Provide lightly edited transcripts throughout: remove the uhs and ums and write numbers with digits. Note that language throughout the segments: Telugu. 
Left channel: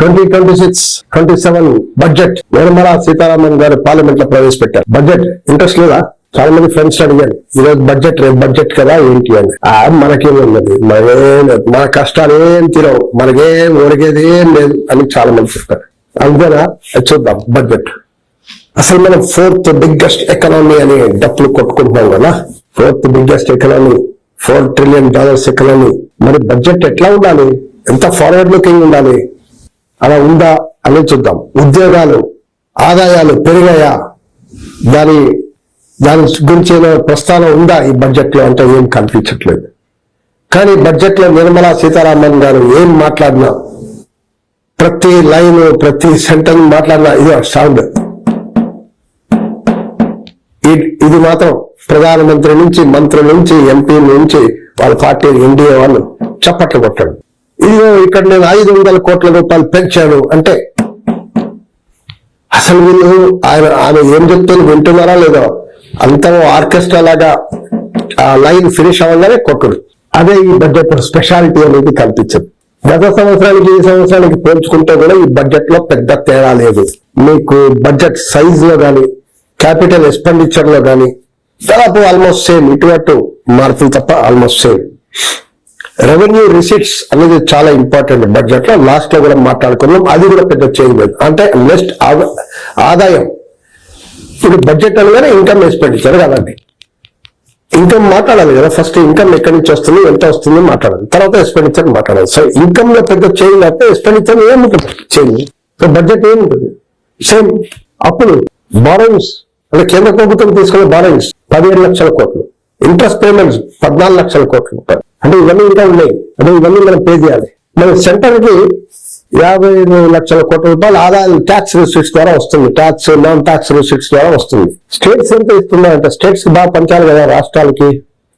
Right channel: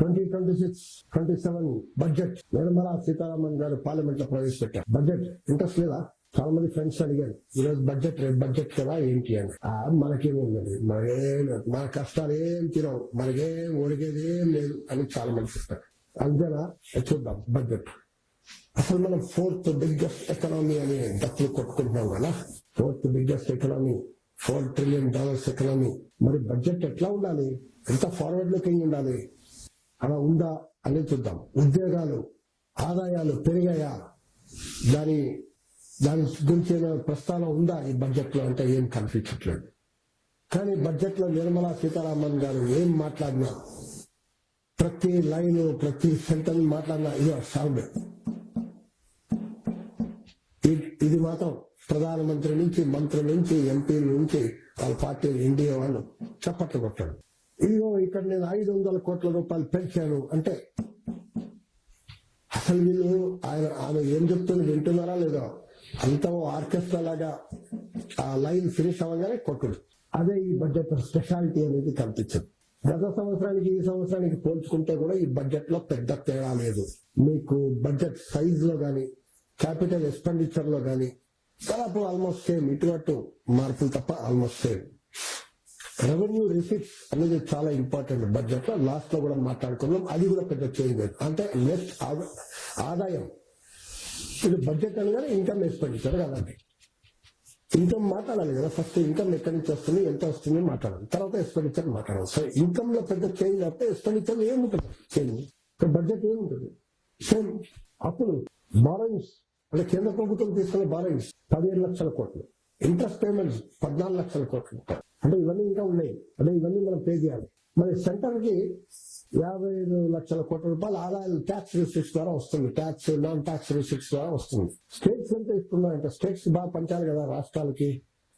2026-27 బడ్జెట్ నిర్మలా సీతారామన్ గారు పార్లమెంట్ లో ప్రవేశపెట్టారు. బడ్జెట్ ఇంట్రెస్ట్ లేదా? చాలా మంది ఫ్రెండ్స్ అడిగారు, ఈరోజు బడ్జెట్ రేపు బడ్జెట్ కదా ఏంటి అని. మనకేమున్నది, మన కష్టాలు ఏం తీరవు, మనకేం ఒరిగేది ఏం లేదు అని చాలా మంది చెప్తారు. అందుకనా చూద్దాం బడ్జెట్. అసలు మనం 4th బిగ్గెస్ట్ ఎకనామీ అని డప్పులు కొట్టుకుంటున్నాం కదా. 4th biggest economy, $4 trillion economy. మరి బడ్జెట్ ఎట్లా ఉండాలి, ఎంత ఫార్వర్డ్ లుకింగ్ ఉండాలి, అలా ఉందా అని చూద్దాం. ఉద్యోగాలు, ఆదాయాలు పెరిగాయా, దాని గురించి ప్రస్తావన ఉందా ఈ బడ్జెట్ లో అంటే ఏం కనిపించట్లేదు. కానీ బడ్జెట్ లో నిర్మలా సీతారామన్ గారు ఏం మాట్లాడినా, ప్రతి లైన్ ప్రతి సెంటెన్స్ మాట్లాడినా ఇదో సౌండ్. ఇది మాత్రం ప్రధానమంత్రి నుంచి, మంత్రుల నుంచి, ఎంపీ నుంచి, వాళ్ళ పార్టీ ఎన్డీఏ వాళ్ళు చప్పట్లు కొట్టాడు. ఇదిగో ఇక్కడ నేను 500 కోట్ల రూపాయలు పెంచాను అంటే అసలు వీళ్ళు ఆయన ఏం చెప్తుంది వింటున్నారా లేదో, అంతా ఆర్కెస్ట్రా లాగా ఆ లైన్ ఫినిష్ అవ్వగానే కొట్టుడు. అదే ఈ బడ్జెట్ స్పెషాలిటీ అనేది కల్పించదు. గత సంవత్సరానికి ఈ సంవత్సరానికి పోల్చుకుంటే కూడా ఈ బడ్జెట్ లో పెద్ద తేడా లేదు. మీకు బడ్జెట్ సైజ్ లో కానీ, క్యాపిటల్ ఎక్స్పెండిచర్ లో కానీ దాదాపు ఆల్మోస్ట్ సేమ్, ఇటు మార్పులు తప్ప ఆల్మోస్ట్ సేమ్. రెవెన్యూ రిసీట్స్ అనేది చాలా ఇంపార్టెంట్ బడ్జెట్ లో. లాస్ట్ లో కూడా మాట్లాడుకున్నాం, అది కూడా పెద్ద చేంజ్ లేదు. అంటే నెక్స్ట్ ఆదాయం. ఇప్పుడు బడ్జెట్ అనగానే ఇన్కమ్ ఎక్స్పెండిచర్ కదండి. ఇన్కమ్ మాట్లాడాలి కదా, ఫస్ట్ ఇన్కమ్ ఎక్కడి నుంచి వస్తుంది, ఎంత వస్తుంది మాట్లాడాలి, తర్వాత ఎక్స్పెండిచర్ మాట్లాడాలి. సో ఇన్కమ్ లో పెద్ద చేంజ్ అయితే ఎక్స్పెండిచర్ ఏముంటుంది చేంజ్. సో బడ్జెట్ ఏముంటుంది సేమ్. అప్పుడు బారోయింగ్స్ అంటే కేంద్ర ప్రభుత్వం తీసుకునే బారోయింగ్స్ 17 లక్షల కోట్లు, ఇంట్రెస్ట్ పేమెంట్స్ 14 లక్షల కోట్లు. అంటే ఇవన్నీ ఇంకా ఉన్నాయి, అంటే ఇవన్నీ మనం పే చేయాలి. మన సెంటర్ కి 55 లక్షల కోట్ల రూపాయలు ఆదాయం ట్యాక్స్ రిసిట్స్ ద్వారా వస్తుంది, ట్యాక్స్ నాన్ ట్యాక్స్ రిసిట్స్ ద్వారా వస్తుంది. స్టేట్స్ ఎంత ఇస్తున్నాయంటే స్టేట్స్ కి బాగా పంచాలి కదా, రాష్ట్రాలకి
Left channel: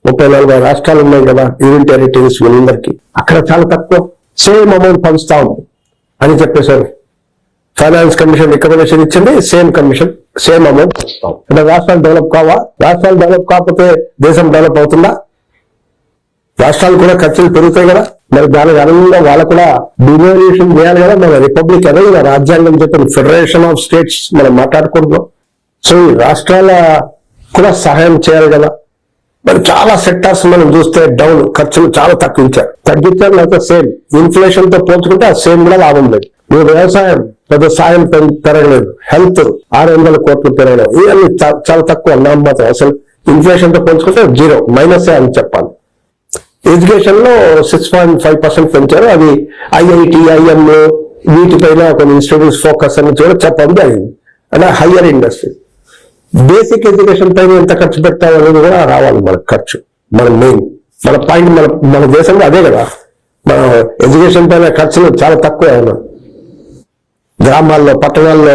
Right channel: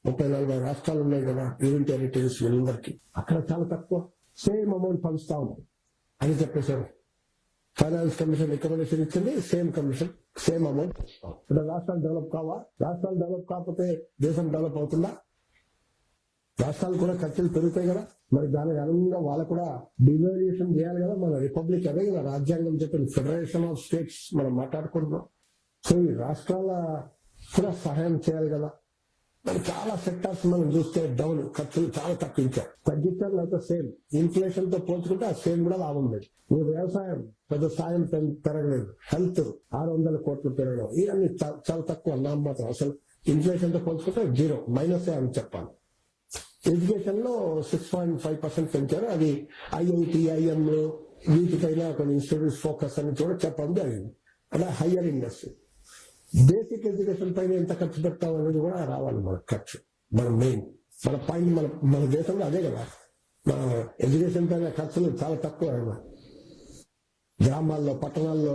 34 రాష్ట్రాలు ఉన్నాయి కదా, యూనియన్ టెరిటరీస్ వీళ్ళందరికీ. అక్కడ చాలా తక్కువ, సేమ్ అమౌంట్ పంచుతాం అని చెప్పేసారు. ఫైనాన్స్ కమిషన్ రికమెండేషన్ ఇచ్చింది, సేమ్ కమిషన్ సేమ్ అమౌంట్ పంచుతాం. అంటే రాష్ట్రాలు డెవలప్ కావా? రాష్ట్రాలు డెవలప్ కాకపోతే దేశం డెవలప్ అవుతుందా? రాష్ట్రాలు కూడా ఖర్చులు పెరుగుతాయి కదా. మరి దానికి అనుగుణంగా వాళ్ళు కూడా డివాల్యూషన్ చేయాలి కదా. మన రిపబ్లిక్ అదే కదా, రాజ్యాంగం చెప్పిన ఫెడరేషన్ ఆఫ్ స్టేట్స్ మనం మాట్లాడుకుంటున్నాం. సో ఈ రాష్ట్రాల కూడా సహాయం చేయాలి కదా. మరి చాలా సెక్టార్స్ మనం చూస్తే డౌన్, ఖర్చులు చాలా తగ్గించారు లేకపోతే సేమ్. ఇన్ఫ్లేషన్ తో పోల్చుకుంటే ఆ సేమ్ కూడా లాభం లేదు. మీరు వ్యవసాయం పెద్ద సాయం పెరగలేదు, హెల్త్ 600 కోట్లు పెరగలేదు, ఇవన్నీ చాలా తక్కువ నామమాత్రం. అసలు ఇన్ఫ్లేషన్ తో పోల్చుకుంటే 0 మైనసే అని చెప్పాలి. ఎడ్యుకేషన్ లో 6.5% పెంచారు. అది IIT, IM వీటిపైన కొన్ని ఇన్స్టిట్యూట్స్ ఫోకస్ అని కూడా చెప్పడం జరిగింది. అంటే హయ్యర్ ఇండస్ట్రీ, బేసిక్ ఎడ్యుకేషన్ పైన ఎంత ఖర్చు పెట్టాలనేది కూడా రావాలి మనకు ఖర్చు. మన మెయిన్ మన పాయింట్ మన దేశంలో అదే కదా. మన ఎడ్యుకేషన్ పైన ఖర్చులు చాలా తక్కువ. గ్రామాల్లో, పట్టణాల్లో,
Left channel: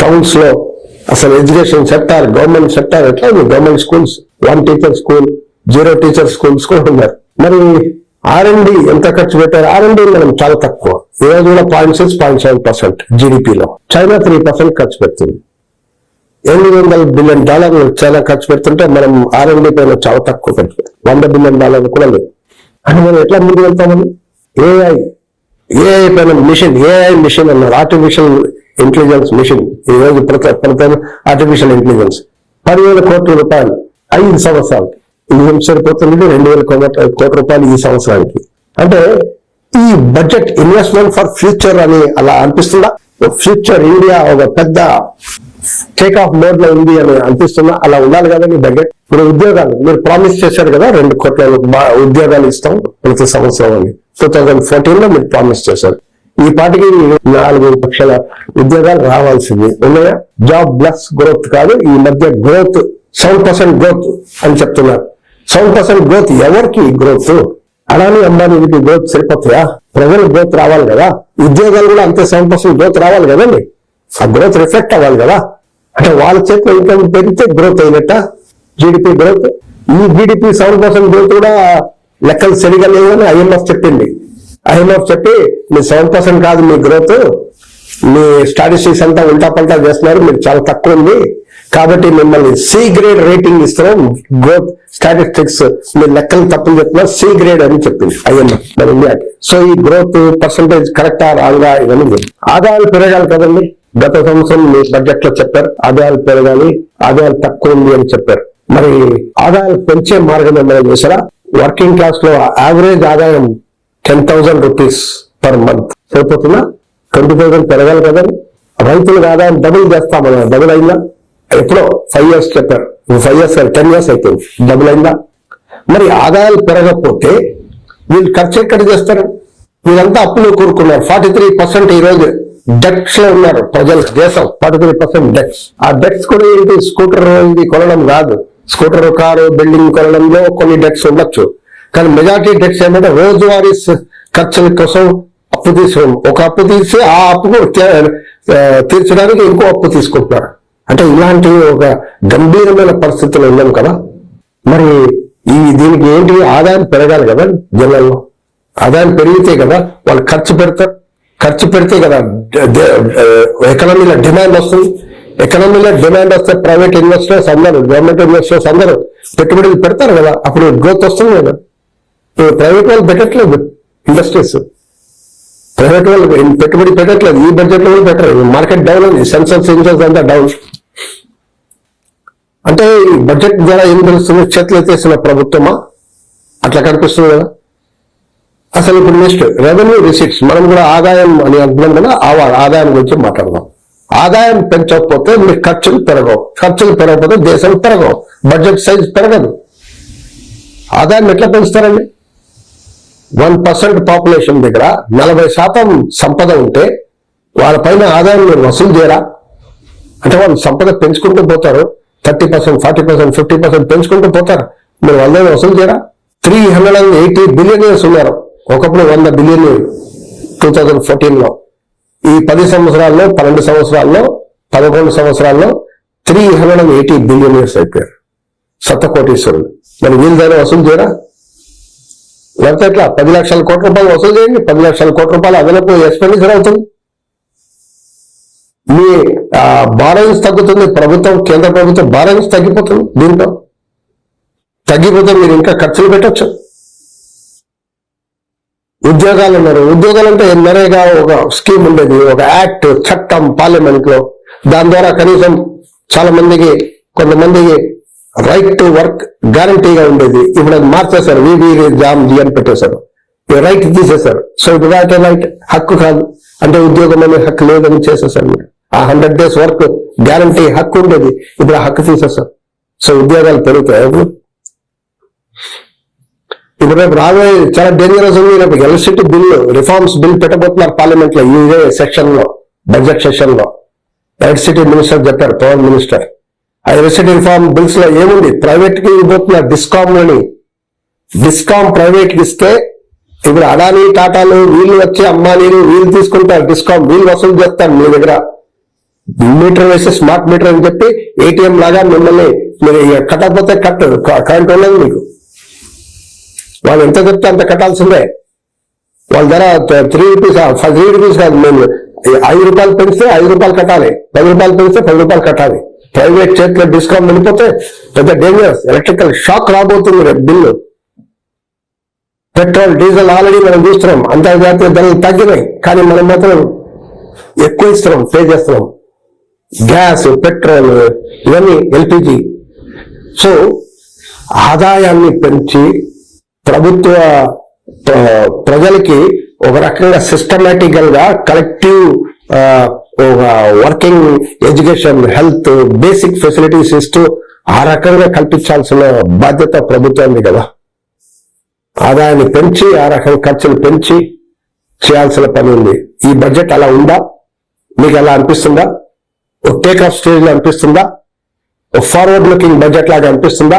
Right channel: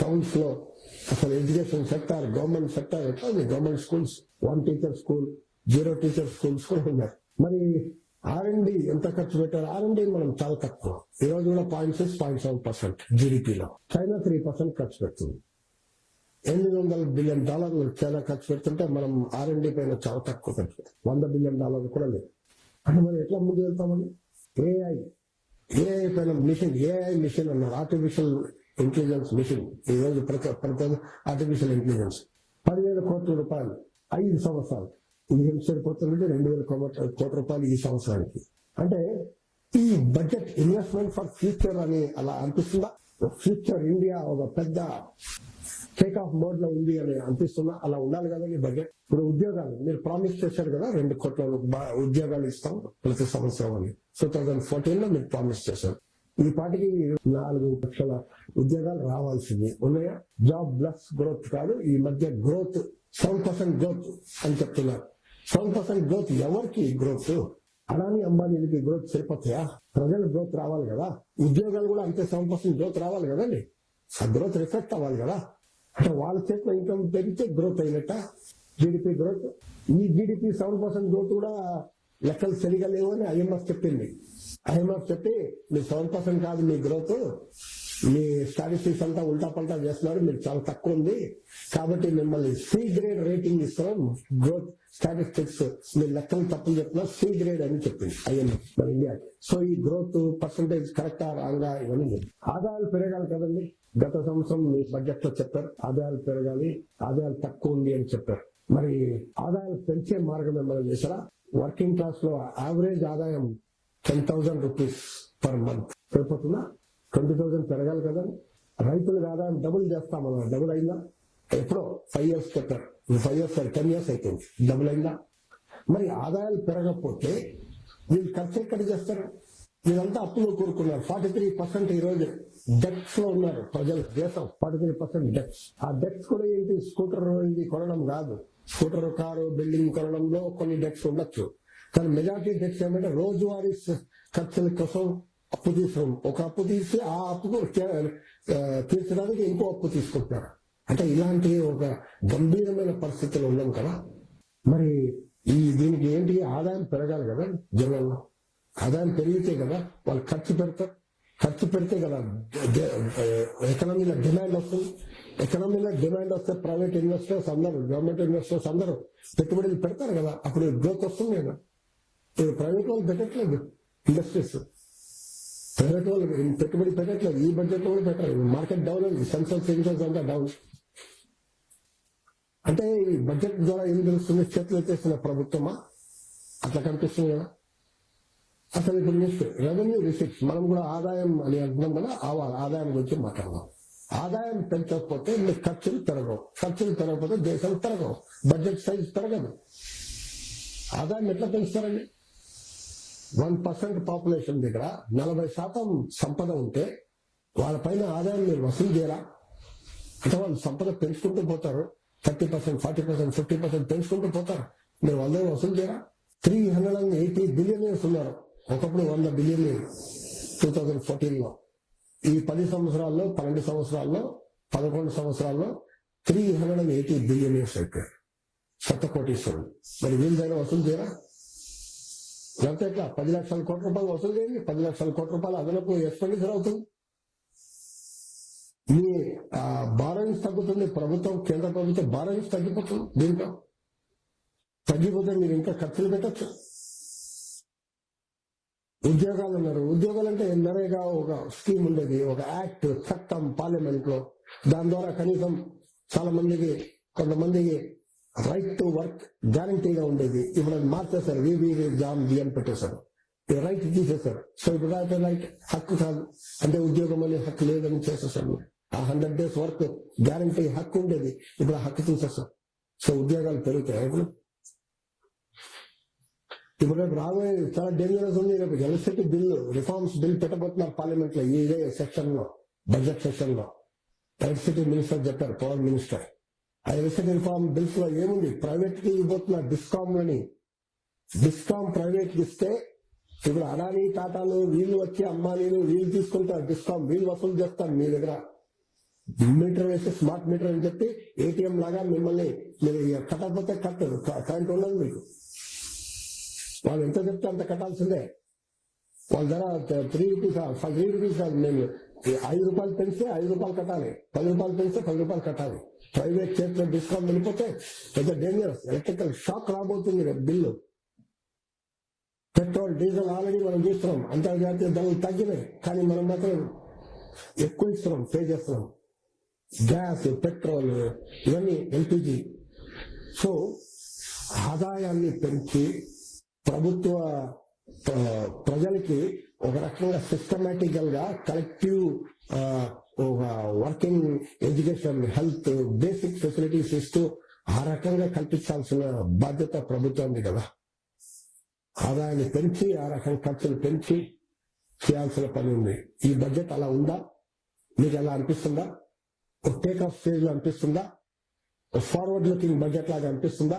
టౌన్స్ లో అసలు ఎడ్యుకేషన్ సెక్టార్, గవర్నమెంట్ సెక్టార్ ఎట్లా ఉంది? Government schools 1 teacher school, 0 teacher schools కూడా ఉన్నారు. మరి R&D ఎంత ఖర్చు పెట్టారు? R&D మనం చాలా తక్కువ. ఈ రోజు కూడా 0.6-0.7% జీడిపిలో. చైనా 3% ఖర్చు పెడుతుంది. $800 బిలియన్ చైనా ఖర్చు పెడుతుంటే మనం R&D పైన చాలా తక్కువ ఖర్చు పెడతాం. $100 బిలియన్ కూడా లేదు. అంటే మనం ఎట్లా ముందు వెళ్తామని AI పైన AI మిషన్ అన్నారు, ఆర్టిఫిషియల్ ఇంటెలిజెన్స్ మిషన్. ఈ రోజు ప్రతి ఆర్టిఫిషియల్ ఇంటెలిజెన్స్ 10,000 కోట్ల రూపాయలు 5 సంవత్సరాలు. ఇది సరిపోతుంది 2,000 కోట్ల రూపాయలు ఈ సంవత్సరానికి. అంటే ఈ బడ్జెట్ ఇన్వెస్ట్మెంట్ ఫర్ ఫ్యూచర్ అని అలా అనిపిస్తుందా? ఫ్యూచర్ ఇండియా ఒక పెద్ద టేక్ ఆఫ్ మోడ్ లో ఉంది అని అనిపిస్తుందా? అలా ఉండాలి కదా మీ బడ్జెట్. ఇప్పుడు ఉద్యోగాలు మీరు ప్రామిస్ చేశారు కదా, 2 కోట్ల ఉద్యోగాలు ఇస్తాం ప్రతి సంవత్సరం అని 2014 లో మీరు ప్రామిస్ చేశారు. ఈ పాటికి 4 లక్షల ఉద్యోగాలు రావాల్సింది ఉన్నాయా? జాబ్ ప్లస్ గ్రోత్ కాదు, ఈ మధ్య గ్రోత్ 7% గ్రోత్ అని చెప్తున్నారు. 7% గ్రోత్ ఎవరికి గ్రోత్? అడాని అంబానీకి గ్రోత్ సరిపోతాయా? ప్రజలకు గ్రోత్ రావాలి కదా, ఉద్యోగాలు కూడా అంతే 7% గ్రోత్ రావాలి కదండి. ఆ గ్రోత్ రిఫ్లెక్ట్ అవ్వాలి కదా. అంటే వాళ్ళ చేతిలో ఇన్కమ్ పెరిగితే గ్రోత్ అయినట్ట జీడిపి గ్రోత్. ఈ జీడిపి 7% గ్రోత్ కూడా లెక్కలు సరిగా లేవని IMF చెప్పింది. IMF చెప్పి మీ 7% కాదు మీ గ్రోత్, మీ స్టాటిస్టిక్స్ అంతా ఉల్టా పల్టా చేస్తున్నారు, మీరు చాలా తక్కువ ఉంది, కాబట్టి మిమ్మల్ని సి గ్రేడ్ రేటింగ్ ఇస్తున్నాం, గ్రోత్ స్టాటిస్టిక్స్ మీ లెక్కలు తప్పులు చెప్తున్నారు, సి గ్రేడ్ అని చెప్పింది IMF మన ఇండియాకి. సో ఈ గ్రోత్ పర్సంటేజ్ కరెక్టా రాంగా ఇవన్నీ ఆదాయాలు పెరగాలి కదండి. గత సంవత్సరం మీ బడ్జెట్ లో చెప్పారు ఆదాయాలు పెరగాలి, ఆదాయాలు తక్కువ ఉంది అని చెప్పారు. మరి ఆదాయాలు పెంచే మార్గం ఏమైనా చేశారా? వర్కింగ్ క్లాస్ లో యావరేజ్ ఆదాయం 10,000 రూపీస్ పర్ మంత్ సరిపోతుందా? 20,000 పెరగాలి కదండి. రైతులకు ఆదాయం డబుల్ చేస్తామన్నా, డబుల్ అయిందా? ఎప్పుడో 5 years చెప్పారు, 5 years 10 years అయిపోయింది, డబుల్ అయిందా? మరి ఆదాయాలు పెరగకపోతే వీళ్ళు ఖర్చు ఎక్కడ చేస్తారు? వీళ్ళంతా అప్పులు కూరుకున్నారు. 43% ఈ రోజు డెట్స్ లో ఉన్నారు ప్రజలు, దేశం 43% డెట్స్. ఆ డెట్స్ కూడా ఏంటి? స్కూటర్ ఇది కొనడం కాదు, స్కూటర్ కారు బిల్డింగ్ కొనడంలో కొన్ని డెట్స్ ఉండొచ్చు, కానీ మెజారిటీ డెట్స్ ఏమంటే రోజువారీ ఖర్చుల కోసం అప్పు తీసుకోవడం. ఒక అప్పు తీసి ఆ అప్పును తీర్చడానికి ఇంకో అప్పు తీసుకుంటున్నారు. అంటే ఇలాంటి ఒక గంభీరమైన పరిస్థితులు ఉన్నాం కదా. మరి దీనికి ఏంటి? ఆదాయం పెరగాలి కదా జనాల్లో. ఆదాయం పెరిగితే కదా వాళ్ళు ఖర్చు పెడతారు, ఖర్చు పెడితే కదా ఎకనామీలో డిమాండ్ వస్తుంది. ఎకనామీలో డిమాండ్ వస్తే ప్రైవేట్ ఇన్వెస్టర్స్ అందరూ, గవర్నమెంట్ ఇన్వెస్టర్స్ అందరూ పెట్టుబడులు పెడతారు కదా, అప్పుడు గ్రోత్ వస్తుంది కదా. ప్రైవేట్ వాళ్ళు పెట్టట్లేదు, ఇండస్ట్రీస్ ప్రైవేట్ వాళ్ళు పెట్టుబడి పెట్టట్లేదు, ఈ బడ్జెట్ లో కూడా పెట్టరు. మార్కెట్ డౌన్ ఉంది, సెన్సెక్స్ ఇన్సెన్స్ అంతా డౌన్. అంటే ఈ బడ్జెట్ ద్వారా ఏం తెలుస్తుంది? చేతులు ఎత్తేసిన ప్రభుత్వమా? అట్లా కనిపిస్తుంది కదా. అసలు ఇప్పుడు నెక్స్ట్ రెవెన్యూ రిసీట్స్, మనం కూడా ఆదాయం అని అంటున్నాం కదా, ఆదాయం గురించి మాట్లాడదాం. ఆదాయం పెంచకపోతే మీ ఖర్చులు పెరగవు, ఖర్చులు పెరగకపోతే దేశం పెరగవు, బడ్జెట్ సైజ్ పెరగదు. ఆదాయం ఎట్లా పెంచుతారండి? 1% పాపులేషన్ దగ్గర 40% సంపద ఉంటే వాళ్ళ పైన ఆదాయం మీరు వసూలు చేయరా? అంటే వాళ్ళు సంపద పెంచుకుంటూ పోతారు, 30%, 40%, 50% పెంచుకుంటూ పోతారు, మీరు వాళ్ళని వసూలు చేయరా? 380 బిలియనీర్స్ ఉన్నారు, ఒకప్పుడు 100 బిలియనీర్ 2014లో. ఈ 10 సంవత్సరాల్లో, 12 సంవత్సరాల్లో, 11 సంవత్సరాల్లో 380 బిలియనీర్స్ అయిపోయారు, శతకోటీశ్వరులు. మరి వీళ్ళ దగ్గర వసూలు చేయరా? లేకపోతే ఎట్లా? 10 లక్షల కోట్ల రూపాయలు వసూలు చేయండి, 10 లక్షల కోట్ల రూపాయలు అదనపు ఎక్స్పెండిచర్ అవుతుంది. మీ బారోయింగ్స్ తగ్గుతుంది, ప్రభుత్వం, కేంద్ర ప్రభుత్వం బారోయింగ్స్ తగ్గిపోతుంది. దీంట్లో తగ్గిపోతే మీరు ఇంకా ఖర్చులు పెట్టచ్చు. ఉద్యోగాలు ఉన్నారు, ఉద్యోగాలు అంటే నరేగా ఒక స్కీమ్ ఉండేది, ఒక యాక్ట్, చట్టం పార్లమెంట్ లో, దాని ద్వారా కనీసం చాలా మందికి, కొంతమందికి రైట్ టు వర్క్ గ్యారంటీగా ఉండేది. ఇప్పుడు అది మార్చేశారు, జామ్ అని పెట్టేశారు, రైట్ తీసేశారు. సో ఇప్పుడు రైట్ హక్కు కాదు అంటే ఉద్యోగం అనే హక్కు లేదని చేసేసారు. మీరు ఆ 100 days వర్క్ గ్యారంటీ హక్కు ఉండేది, ఇప్పుడు ఆ హక్కు తీసేశారు. సో ఉద్యోగాలు పెరుగుతాయి. ఇప్పుడు రేపు రాబోయే చాలా డేంజరస్ ఉంది. రేపు ఎలక్ట్రిసిటీ బిల్లు రిఫార్మ్స్ బిల్ పెట్టబోతున్నారు పార్లమెంట్ లో, ఇదే సెక్షన్ లో, బడ్జెట్ సెషన్ లో. ఎలక్ట్రిసిటీ మినిస్టర్ చెప్పారు, పవర్ మినిస్టర్. ఆ ఎలక్ట్రిసిటీ రిఫార్మ్ బిల్స్ లో ఏముంది? ప్రైవేట్ కి ఇవ్వబోతున్నారు డిస్కామ్లని. డిస్కామ్ ప్రైవేట్ కి ఇస్తే ఇప్పుడు అడానీ, టాటాలు వీళ్ళు వచ్చి అంబానీలు వీళ్ళు తీసుకుంటారు, డిస్కామ్ వీళ్ళు వసూలు చేస్తారు మీ దగ్గర. మీటర్ వేసి స్మార్ట్ మీటర్ అని చెప్పి ATM లాగా మిమ్మల్ని మీరు కట్టకపోతే కట్టదు, కరెంట్ ఉండదు మీకు. వాళ్ళు ఎంత చెప్తే అంత కట్టాల్సిందే. వాళ్ళ ధర 3 రూపీస్, 3 రూపీస్ కాదు, మేము 5 రూపాయలు పెంచితే 5 రూపాయలు కట్టాలి, 10 రూపాయలు పెంచితే 10 రూపాయలు కట్టాలి. ప్రైవేట్ చేతిలో డిస్కౌంట్ వెళ్ళిపోతే పెద్ద డేంజరస్, ఎలక్ట్రికల్ షాక్ రాబోతుంది రేపు బిల్లు. పెట్రోల్, డీజిల్ ఆల్రెడీ మనం చూస్తున్నాం, అంతర్జాతీయ ధరలు తగ్గినాయి, కానీ మనం మాత్రం ఎక్కువ ఇస్తున్నాం, పే చేస్తున్నాం. గ్యాస్, పెట్రోల్, ఇవన్నీ LPG. సో ఆదాయాన్ని పెంచి ప్రభుత్వ ప్రజలకి ఒక రకంగా సిస్టమేటికల్ గా collective working, education, health, basic facilities ఇస్తూ ఆ రకంగా కల్పించాల్సిన బాధ్యత ప్రభుత్వానికి కదా. ఆదాయాన్ని పెంచి ఆ రకంగా ఖర్చులు పెంచి చేయాల్సిన పని ఉంది. ఈ బడ్జెట్ అలా ఉందా? మీకు ఎలా అనిపిస్తుందా? ఒక టేక్ ఆఫ్ స్టేజ్ లో అనిపిస్తుందా? ఒక ఫార్వర్డ్ లుకింగ్ బడ్జెట్ లాగా అనిపిస్తుందా?